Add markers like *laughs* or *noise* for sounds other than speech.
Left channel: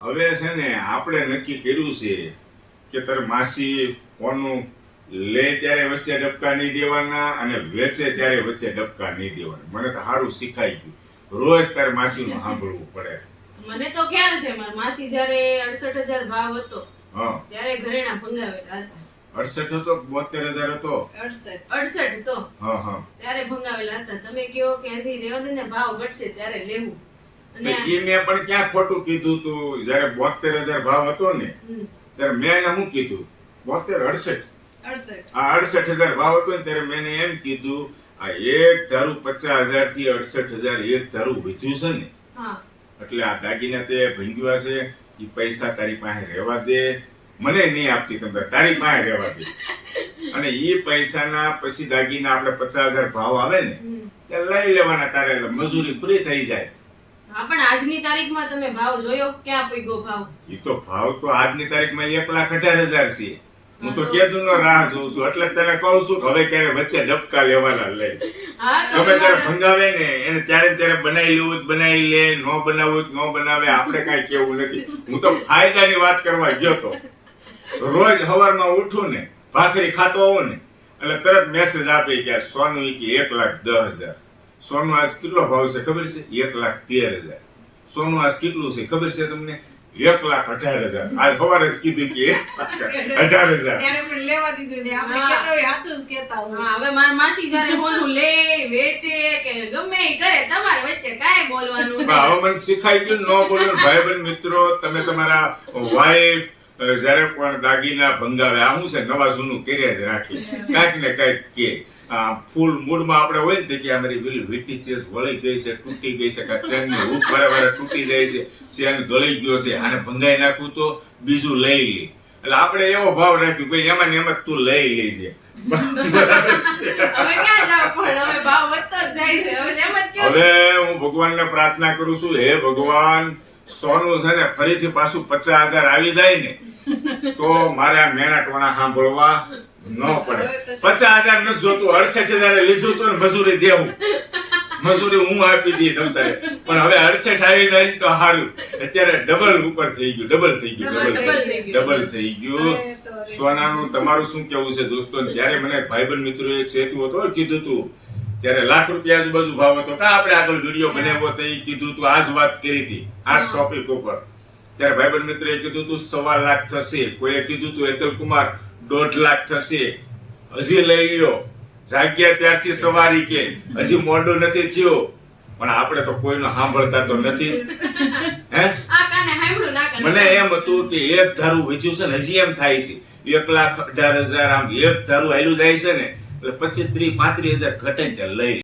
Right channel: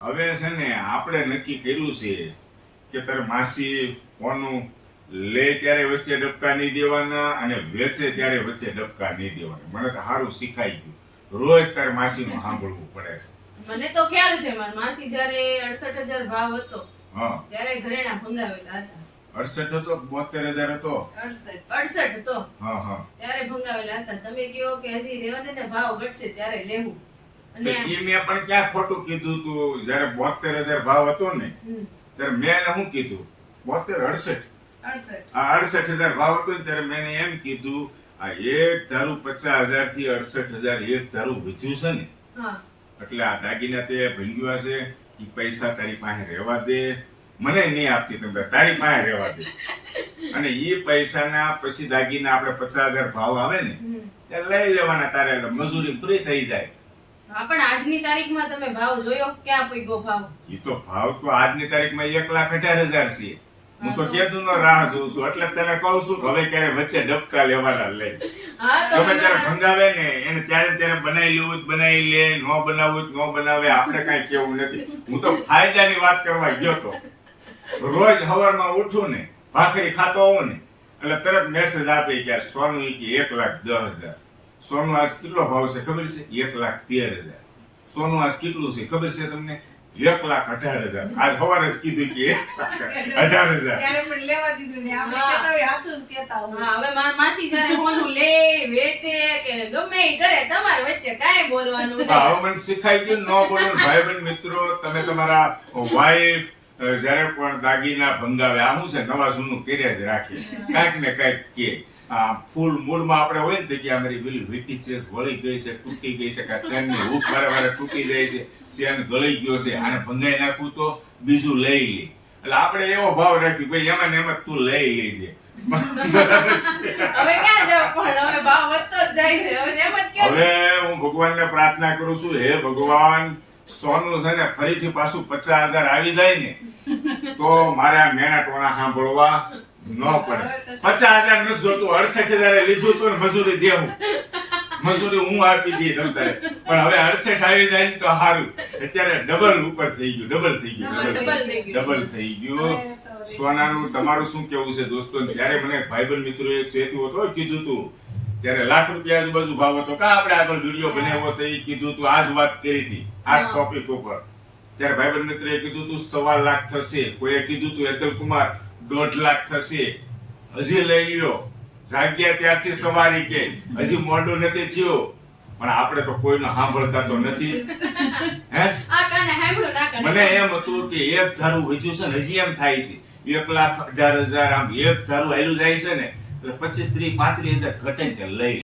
હવે છે ને આપણે નક્કી કર્યું છે કે તારે માસી કોનું લે ત્યારે વચ્ચે ડબકા નહીં દેવાના અને વેચે ત્યારે વચ્ચે ડબકા નહીં દેવાના. મને તો સારું શીખાઈ ગયું. રોજ તારે માસીનું સાંભળવું પડે છે. મને તો ખ્યાલ છે મારા માસી જ્યારે અડસઠ હજાર ભાવ હતો હા. ત્યારે ઘરેણા ભંગાવેલા હતા. અડસઠ હતો બોતેર હજાર હતો? અડસઠ. અડસઠ હતો. હા હા. ત્યારે ભંગાવેલા હતા. તમે કહો કે હજી રેવા દે ને ભાવ ઘટશે ત્યારે લેવું. એ મેં પણ ક્યાં ખોટું કીધું તું? જ્યારે બોતેર હજાર ભાવ હતો ને ત્યારે મેં શું કીધું? બોતેર અડસઠ. આ અડસઠ હજાર ભાવ હતો ને ત્યારે મેં એમ કીધું આ એક ધારું પચાસ હજારથી અડસઠ હજાર એક ધારું વધ્યું છે ને. એટલે આ દાગીના તે ભંગ્યું છે એ પૈસા તારી પાસે રહેવા દે. મને નહીં આપતી તમે તારી પાસે રહેવા દે. *laughs* અને એ પૈસાના પછી દાગીના આપણે પચાસ હજાર ભાવ આવે ને. ત્યાં લઈ લેવાના તારે મજૂરી ફ્રી થઈ જાય. હા પણ આજની તારીખમાં તમે ભાવ જોયો? ક્યાં પૈગો ભાવ? એ તો ભાવ તો આજની તારીખમાં એક લાખ અઢાર હજાર છે. હું તો કેદું નો રાહ જોઉં છું. એટલે તને કહું છું હવે ક્યારે વચ્ચે ડબકા લેવાના લે. ગમે ત્યારે ભંગાવે ને એને ત્યારે ત્યારે બનાવી લેવું જ બનાવી લે ન બનાવવું જ ન બનાવે આપણે કઈ કેવું નથી. હું તો ફાયદાની વાત કરવા ગયો તો. રોજ સવારમાં ઉઠું ને ભાખરી ખાતો હોઉં ને એટલે તરત મેસેજ આપે કે સોનું કે એક લાખ દસ હજાર. સોનું આજ કેટલો ભાવ છે ખબર છે? એક લાખ તેર હજાર. સોનું આજ કેટલું છે ખબર છે તમને? એક લાખ અઢાર હજાર. આજ સવારે જ કીધું કે અઢાર હજાર. પણ લેવા દીધું ને આપણે. કહેતા હોય સાચું જ કહેતા હોય. હવે મારા માસી જ્યારે હોનું લે વેચે કે ગમે એ કરે તમારે વચ્ચે કાંઈ બોલવાનું હા, હવે મને શીખાઈ ગયું ન બોલો. ભાઈ બંધ મિત્રો તમે તમારા વાઈફ જ્યારે પણ દાગીના ભંગાવે આ હું છે નવા જૂનું કર્યા જ રાખી. કાંઈક ને કાંઈક કે. ફૂલ મૂડમાં આપણે હોય ને કે અમારી પેલી વીટી છે વળી ગઈ છે તૂટી ગઈ છે કાં ચેનની હૂક વારે વારે તૂટી જાય છે ચેન ગળી ગયો છે આને ભંગાઈ નાખું તો બીજું લઈ લે. એટલે આપણે એવો ભાવ રાખ્યો ભાઈ એમાં ને એમાં તું લઈ લેજે. હવે હું ભગવાનને પ્રાર્થના કરું છું હે ભગવાન સોનું છે ને ફરીથી પાછું પચાસ હજાર આવી જાય ને તો મારે આ મેણા ટોણા સાંભળવા ન પડે. પચાસ હજાર નથી જોતું અડસઠ હજાર લીધું તું મજૂરી દેવું. મજૂરી હું આપી દઈ તમતારે પણ હવે અડસઠ આવી જાય તો સારું અત્યારે ડબલ ઉપર થઈ ગયું ડબલ થઈ ગયું ડબલ ડબલ થઈ ગયું. સોનાનું તમારું શું કેવું છે દોસ્તો? ત્યારે મને ભાઈબંધ મિત્રો એક હતું હતો કીધું તું. ત્યારે લાખ રૂપિયા આજુબાજુ ભાવ હતો. કા આપણે આગળ વીડિયો બનાવ્યો તો એ કીધું તું આજ વાત કરી હતી. આ ટોપિક ઉપર. ત્યારે ભાઈબંધ મિત્રએ કીધું તું સવા લાખ થશે. કોઈએ કીધું તું હેતલ કુમાર દોઢ લાખ થશે. હજી લઈ લ્યો. જાગ્યા ત્યારથી સવારી કે. હજી મોડું નથી થયું. પણ આપણે તો કોઈનું સાંભળતા તો નથી. હે? મને એમ હતું કે એક ધારું વધ્યું છે ને હજી એમ થાય છે. એક લાખ અઢાર હજાર આમ એક ધારું હેલું જાય છે ને એટલે પચીસ ત્રીસ પાંત્રીસ હજાર ઘટે લઈ